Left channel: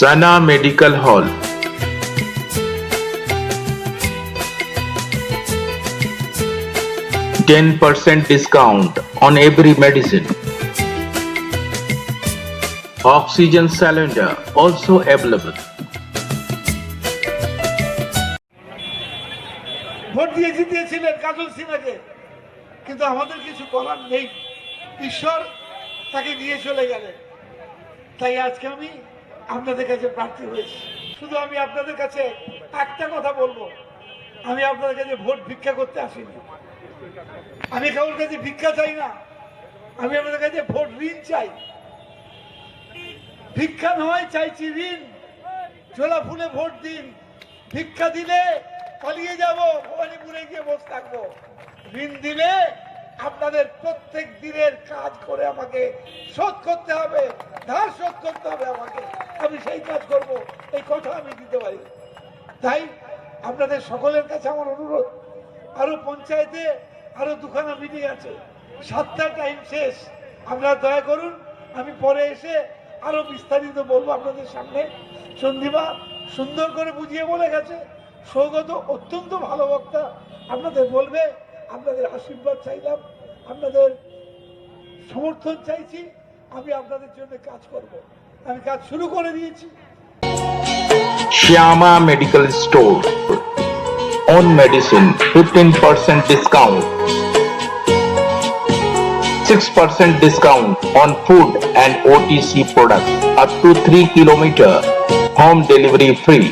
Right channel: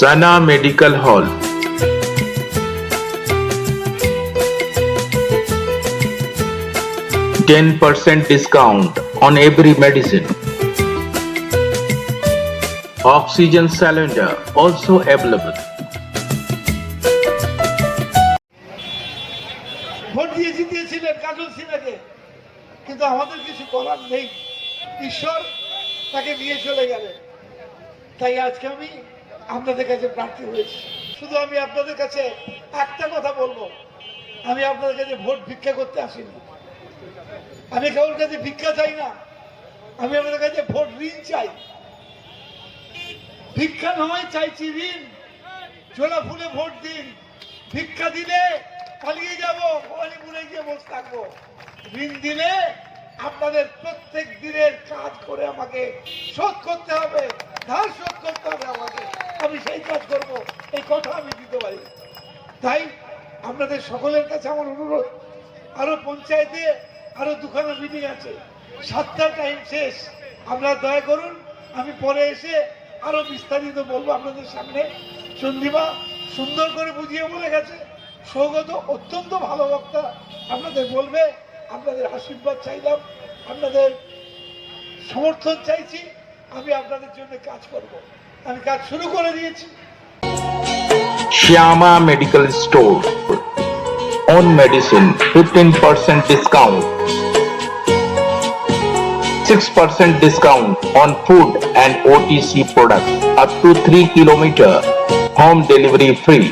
Sana Medical Hall. %10 discount on every medicine. Oxygen cylinder also available. Vote দিয়েছিলেন কাজল সিনহাকে, কিন্তু আমাদের কিছু করার নেই। ঈশ্বর তাকে নিয়ে চলে গেলেন। তাই আজকে আমি আপনাদের কাছে প্রার্থী হয়েছি। শুধু আমি আপনাদের কাছে একটা কথা বলবো, আমি আপনাদের কাছে ভোট ভিক্ষা করতে আসিনি। আমি কারোর কাছে ভিক্ষা চাই না, আমি আপনাদের কাছে ভোট ঋণ চাই। ভিক্ষা নয়, চাইছি ঋণ। ঝোলা ফুলে ভোট দিন। ভিক্ষা দিলে পালিয়ে যাবো, ভবানীপুরে গিয়ে বসে থাকবো। ঋণ দিলে আপনাদের প্রত্যেক দিনের কাজ করে আমাকে শোধ করতে হবে, ধার শোধ করতে হবে আমাকে। আমি সেই কাজ করব, এই কথা আমি দিতে পারি। তাই আপনাদের সকলের কাছে আমার অনুরোধ, আরো পঞ্চায়েতে আরো দুখানা মিটিং আছে, 7টার টাইম শেষ। আপনারা দয়া করুন, আমি পরে এসে আরো বিস্তারিত বলবো আপনাদের সামনে। চন্দ্রিমা সুন্দর করে বুঝিয়ে বলে গেছে, সৌগত অত্যন্ত ভালো বক্তা, আপনাদের বলবে। আপনাদের আশীর্বাদ চাইলাম, আপনাদের সমর্থন চাইছি। আমি আপনাদের জন্য কাজ করব, আমি কাজ শুরু করে দিয়েছি। Shyama Medical Store. On medicine 15% discount. 6% discount on food and OTC products up to 3 km. Home delivery free.